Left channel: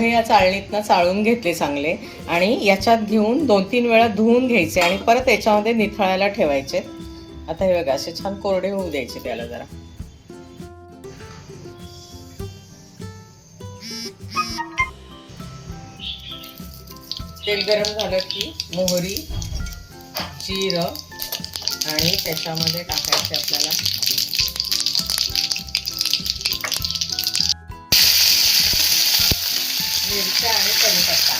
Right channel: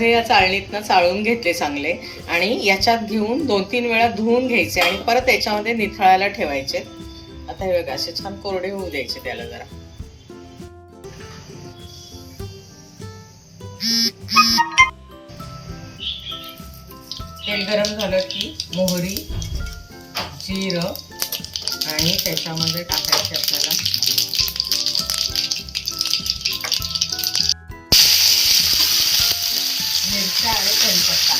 हे या चाळणीतनं चाळून घेतले चांगले आणि याच्यात घेऊन 2-3 वेळा धुवून घ्यायचे आणि परत याच्यामध्ये निथळायला ठेवायचे. आता हे बघा असे छान कोरडे होऊ द्यायचे त्याला जरा. तेल गरम झालं की मोहरी, जिरं आणि त्याच्यामध्ये टाकायचे आपल्याला मिरच्या आणि कढीपत्ता.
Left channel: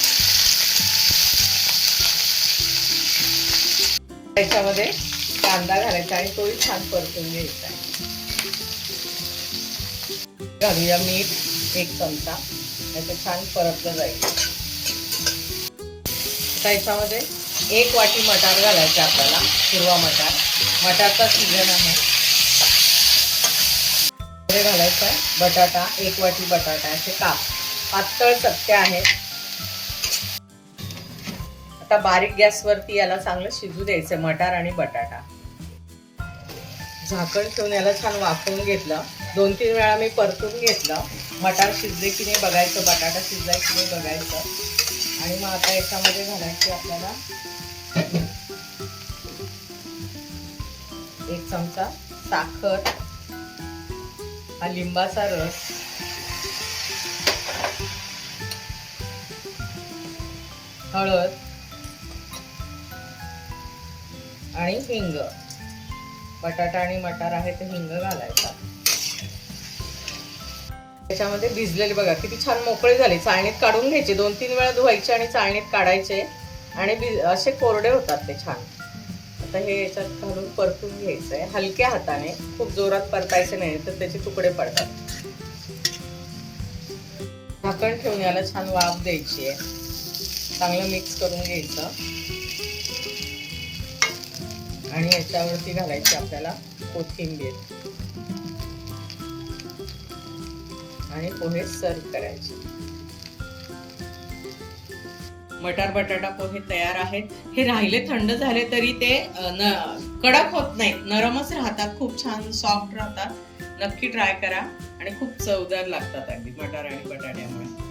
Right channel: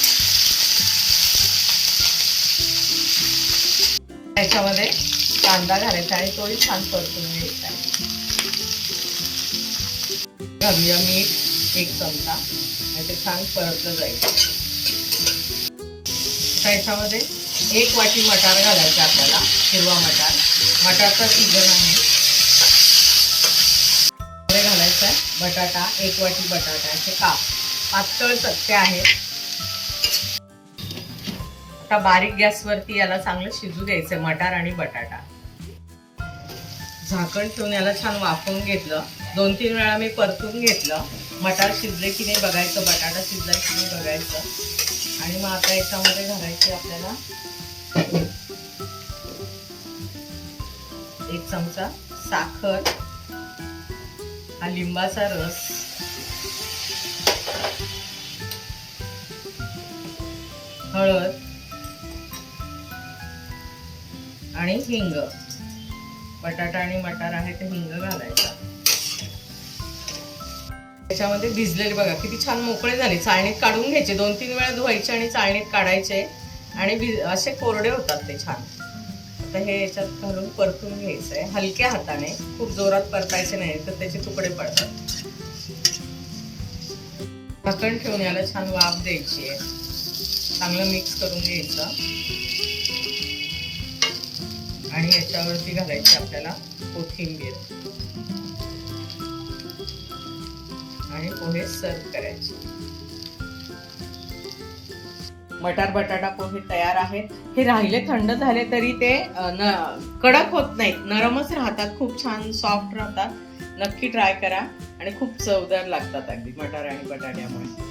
त्याच्यामध्ये कांदा घालायचा आणि तोही छान परतून घ्यायचा. घालूया मीठ 1 चमचा. ते छान परतलं जाईल. त्याच्यामध्ये 1 वाटी मटार घालायचा आपल्याला, हिरवा मटार. मटारचा सीजन आहे. घालायचा बटाटा, 1 वाटी बटाटा. असे पातळ चक्के आहेत. आता बारीक गॅसवरती याला चांगलं शिजू द्यायचं मटार आणि बटाटा. झाकण ठेवून याला छान वाफवून घेतलं. 2-3 वेळा मी परतून घेतलं. मटार शिजले की नाही बघायचं, बटाटा शिजलाय की नाही बघायचं. आणि मग आता याच्यामध्ये घालायचे आपल्याला 1 चमचा साखर, हा लिंबाचा रस, हळद आणि हिंग. बटाटा आणि मटार आहे तर हिंग घालायचा. त्याच्यामध्ये भिजलेले बघा किती छान मोकळे झाले. चाळणीत काढून घ्यायचे. 2-3 वेळा धुवायचे आणि चाळणीत काढायचे आणि असे कोरडे होतात ते छान. आता हे याच्यात घालून परतून घ्यायचंय हलक्या हाताने. खूप जोरात परतायचे नाही तर त्याचे तुकडे पडतात. झाकण ठेवून याला छान वाफ द्यायची आहे. चांगलं मिक्स करून घ्यायचं आणि याच्यावरती घालायची आपल्याला कोथिंबीर आणि पोहे सर्व करायचे. मटार बटाटा पोहे तयार आहेत. हे राहिले थंड झाले तरी ते कडक होत नाहीत, नरमच राहतात. खूप छान सॉफ्ट राहतात. नक्की ट्राय करा आणि खूप चवदार लागतात अगदी मटार आणि बटाट्यामुळे.